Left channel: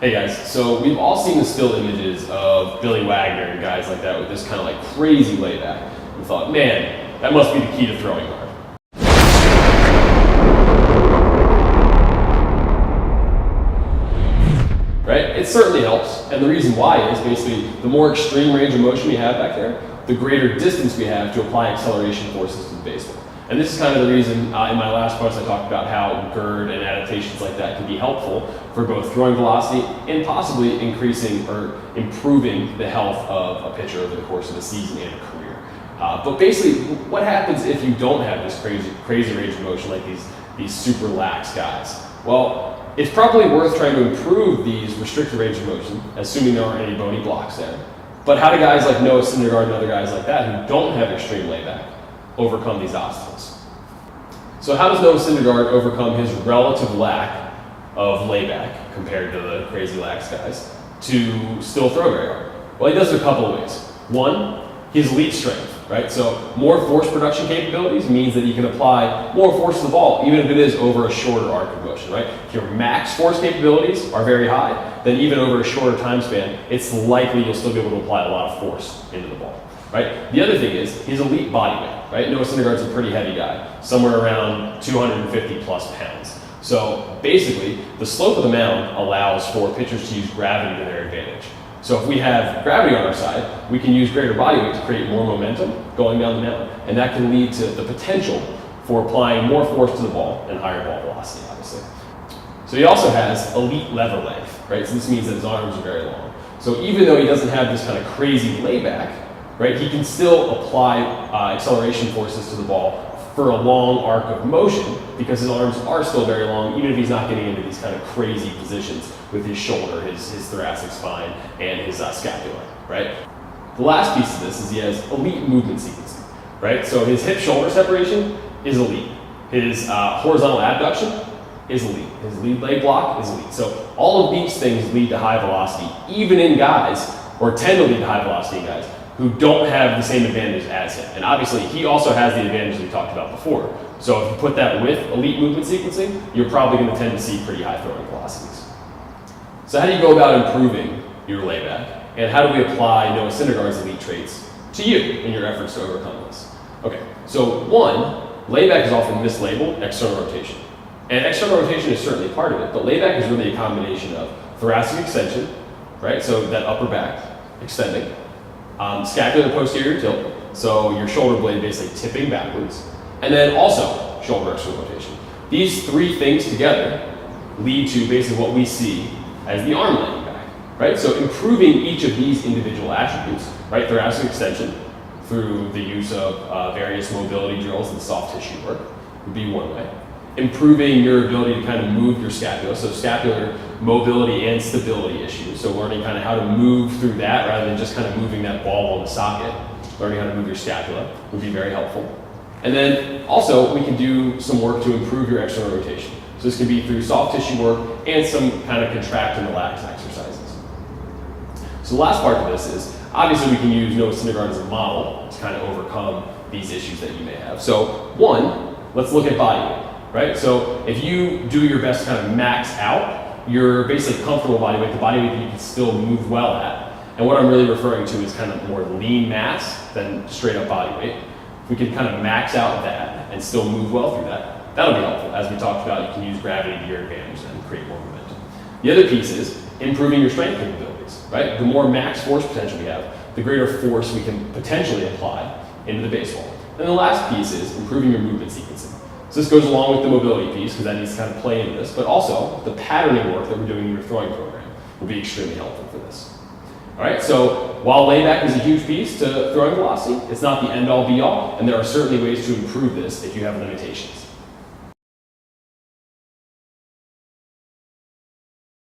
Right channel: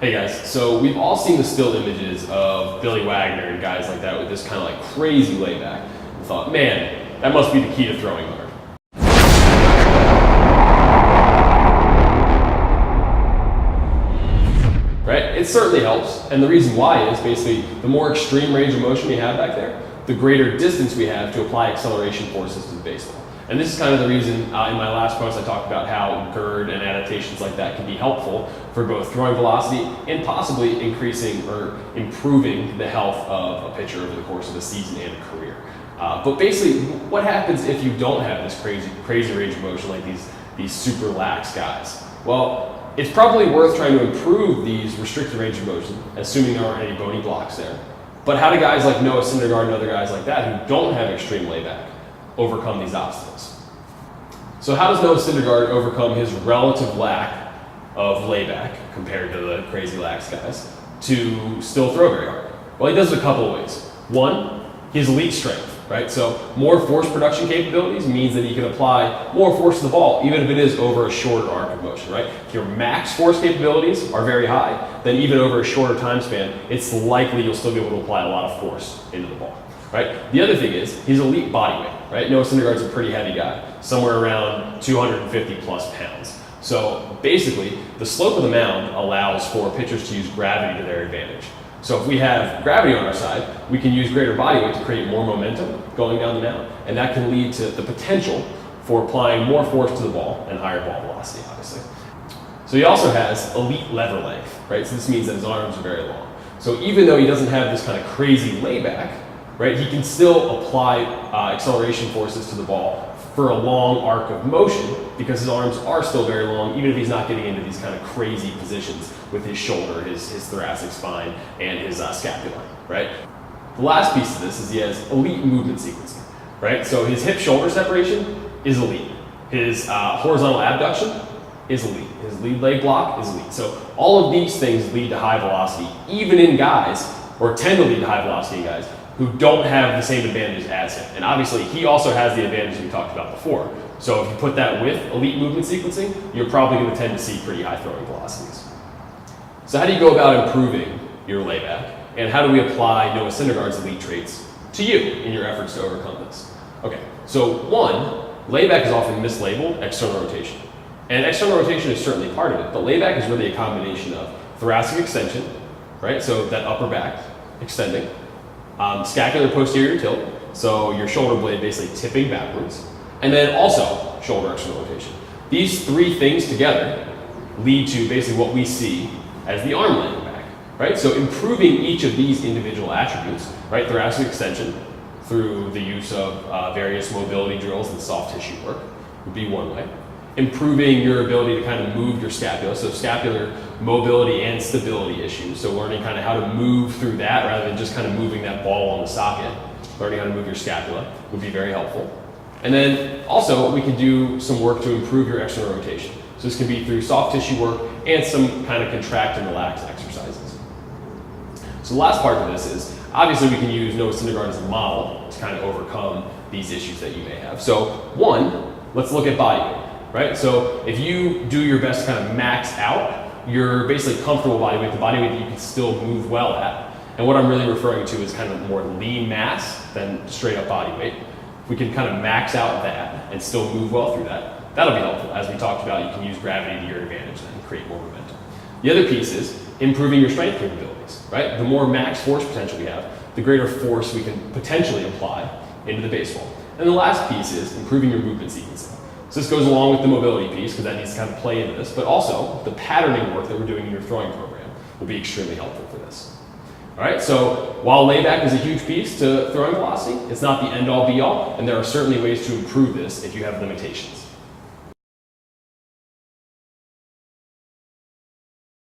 Hey guys, so we've all seen the still images of Billy Wagner and guys like that with this kind of like crazy layback and thought, man, that must be the key to throwing hard. Right? It certainly helps, and the reason why is basically the more extreme range of motion we have back there, the greater distance we have to apply acceleration forces to the baseball. And this is kind of the reason in my last post I talked about how GERD and adaptations like that can be helpful for both throwing velocity and possibly increasing or improving the health of a pitcher over the course of a season and a career. But basically, what happens if you don't have this crazy range of motion like these super lax guys? Well, it's probably worth trying to improve these restricted range of motion, assuming there aren't any bony blocks there. But how do guys like Noah Syndergaard and other guys like that who don't have extreme layback overcome these obstacles? So how does Noah Syndergaard overcome his relative lack of layback compared to the crazy lax guys to still throw very hard? Well, he does it a couple of ways. One, he has elite strength, right? So more force production capabilities means that he can apply more force to the ball, even if it is over a shorter arc of motion, right? If your max force capabilities are very high, then even over a shorter time span, it's likely you'll still be able to apply a lot of force into the ball, right? The other thing is he's elite body weight, right? Noah Syndergaard's a pretty heavy guy, somewhere around 250 plus pounds. So basically, the slope of the mound allows for pitchers to use gravity to their advantage. So if we have gravity on our side, we can use greater body weight to create more momentum going down the mound, and that can lead to the potential for applying more force to the ball and higher ball velocity, obviously. So he also has elite lever length, right? So this means that his arms are very long. So even though he doesn't have this kind of crazy layback, right, he can still apply acceleration forces to the ball for a long arc of motion because his arms are still very long, even if he's not getting into these kind of crazy positions with his shoulder, his thoracic spine, and his scapula, right? The last piece of this is he has elite movement sequencing, right? So his hip-shoulder separation is elite. His horizontal abduction is elite. His lead leg block is elite. So all of these things lead to high velocity, even in guys, or tend to lead to high velocity in guys, who don't have the same advantage as him. And obviously, he also has the advantage we talked about before. So if you put that with elite movement sequencing, you're probably going to tend to see pretty high throwing velocities. So how do you go about improving your layback? And how do we apply Noah Syndergaard's elite traits to you in your efforts to overcome this? Okay, so one, layback is often mislabeled external rotation. And external rotation is certainly part of it, but layback is really a combination of thoracic extension, right? So that upper back extending, scapular posterior tilt, so your shoulder blade basically tipping backwards, and then also shoulder external rotation. These three things together lead to basically what we see as the arm laying back, right? So improving each of these individual attributes, right? Thoracic extension through the use of various mobility drills and soft tissue work would be one way. Improving your ability to kind of move your scapula, so scapular mobility and stability issues. So learning kind of how to move through that rather than just kind of moving that ball on the socket. Learning how to move your scapula would be very helpful. And then also we can do some work to improve your external rotation. So this can be through soft tissue work and some kind of contract and relax exercises. So the last part of this is, obviously we can use Noah Syndergaard as a model to kind of overcome these issues that you may have. So one, let's look at body weight. Right? So if you do your best to kind of max out your basically comfortable body weight, the body weight that you can still move well at, and what I'm really referring to is kind of more lean mass than straight up body weight. If we can kind of max out that and still move well through that, that'll be helpful. As we talked about, you can use gravity to your advantage then and create more momentum. The other piece is improving your strength capabilities, right? The more max force potential we have, the greater force we can potentially apply into the baseball. And the last piece is improving your movement sequencing. So this goes along with the mobility piece because that needs to kind of play into this, but also the patterning work that we're doing in your throwing program will be extremely helpful for this. All right, so while layback is a huge piece to throwing velocity, it's not the end-all be-all, and there are certainly ways to improve this if you have limitations.